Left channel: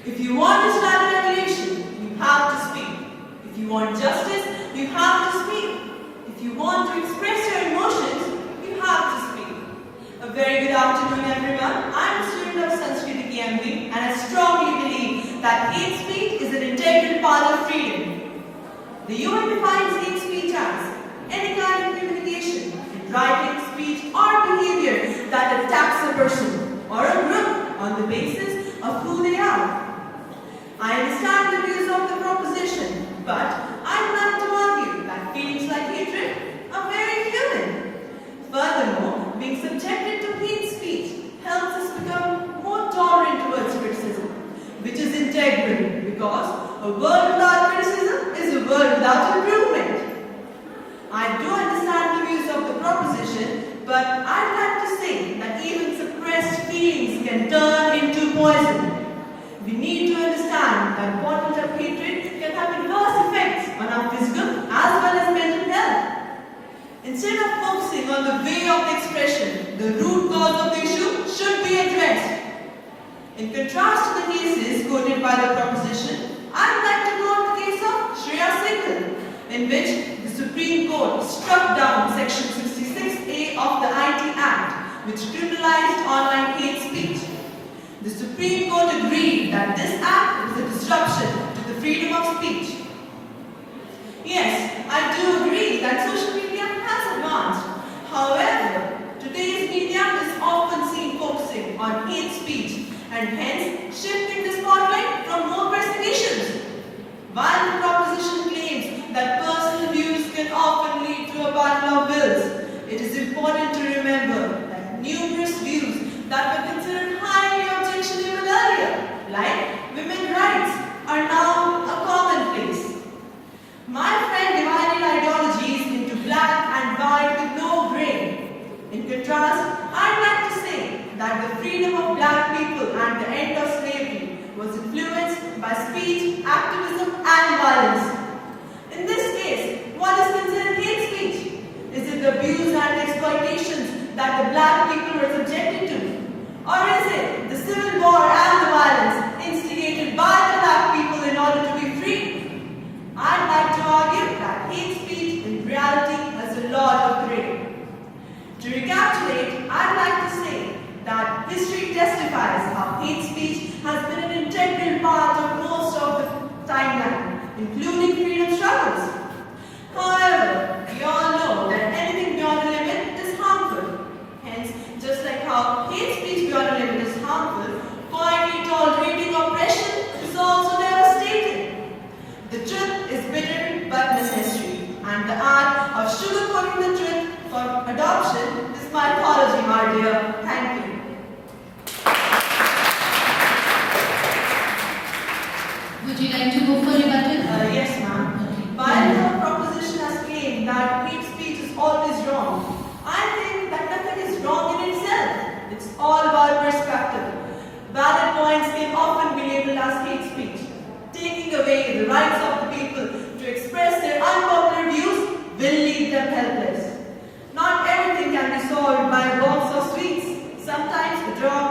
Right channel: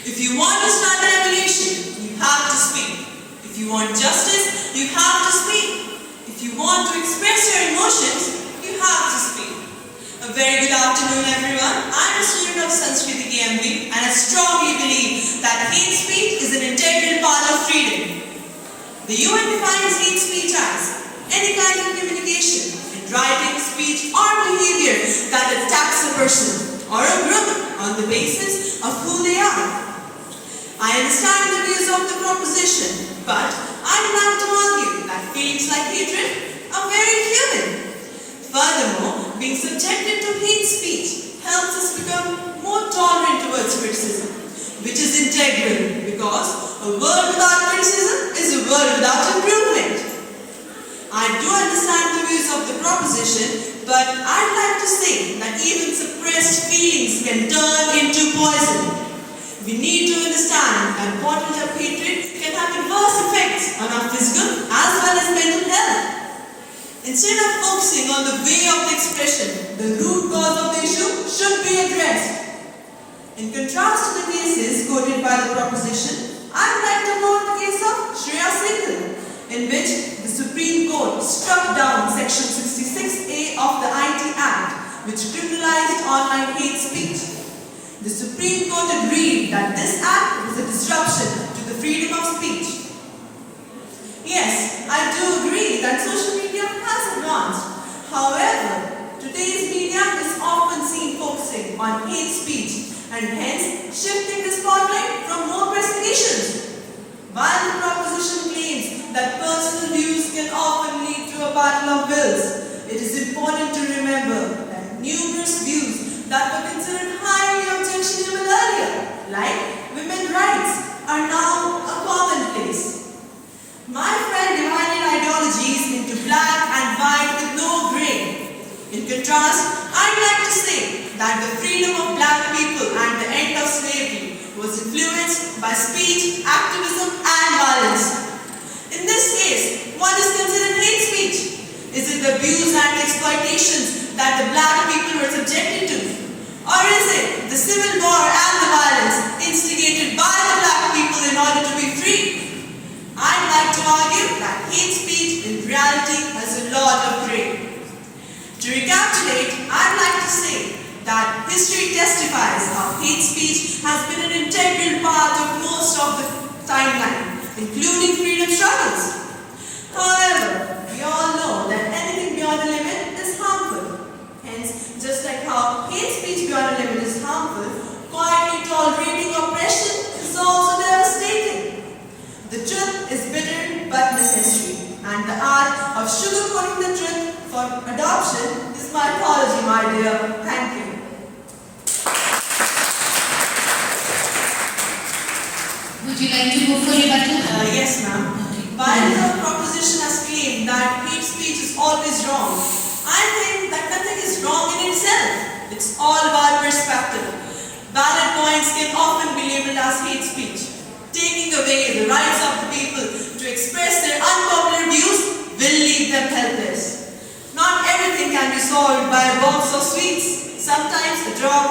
If you want to start a revolution, you have to speak. If you want justice, you have to speak. If you want to express your emotions, you have to speak. A very good afternoon, everyone. I'm a student of Sanskriti KMB, and I strongly believe that hate speech is an integral part of freedom. The UN defines hate speech as any kind of communication, in writing, speech, or behavior that attacks a person or a group on the basis of who they are. I understand the views of the proposition, but I would like to argue that feelings like hatred are very human. Furthermore, being subjected to hate speech helps us become more tolerant towards criticism, which is integral because a world without criticism is a world without improvement. I do understand the views of the proposition, but I'd like to say that even suppressed feelings can turn into poison. We need to understand that bottled up hatred can have adverse effects on our physical as well as mental health. Instead of focusing on the way of the expression, the root cause of the issue should be addressed. In contrast to the cases quoted by the proposition, I would like to quote the case of Shreya Singhal, in which the Supreme Court struck down Section 66A of the IT Act, which criminalized online hate speech. The Supreme Court agreed that this act was a disruption to the freedom of speech. Yes, I do agree that social media has advanced. However, today's media is often seen focusing on hate speech and hence shifting the spotlight from more pressing issues. While the proposition claims that personal views can often lead to a battle of wills, it is important to remember that numerous views that were considered highly objectionable earlier, like women's rights, are now a commonplace. My friend divided ideologies into black and white with no gray. In contrast, I'd like to say that the freedom of black people and the end of slavery was influenced by speech, activism, and violence. In this case, what is considered hate speech? Is it the abuse and exploitations that the black people were subjected to? Or is it the civil war and the violence instigated by the black people in order to be free? I'd like to argue that hate speech in reality has a lot of gray. To recapitulate, I'd like to say that history testifies how hate speech has been an integral part of most of the timeline, including freedom struggles. However, we all know that anything beyond a limit is harmful. Hence, just like how hate speech beyond a limit is harmful, quietly tolerating oppression is also devastating. The truth is bitter but necessary, and the art of sugarcoating the truth for adoption is mythology, my dear. Thank you. Would you like to go for rebuttal? Yes, ma'am. While the proposition has claimed that hate speech is always wrong, I think that nothing is wrong in itself. It's all about perspective. Valid points can often be labeled as hate speech. Taking away the rights of the people to express their unpopular views will leave them helpless. Not everything can be solved by a box of sweets. Sometimes a drop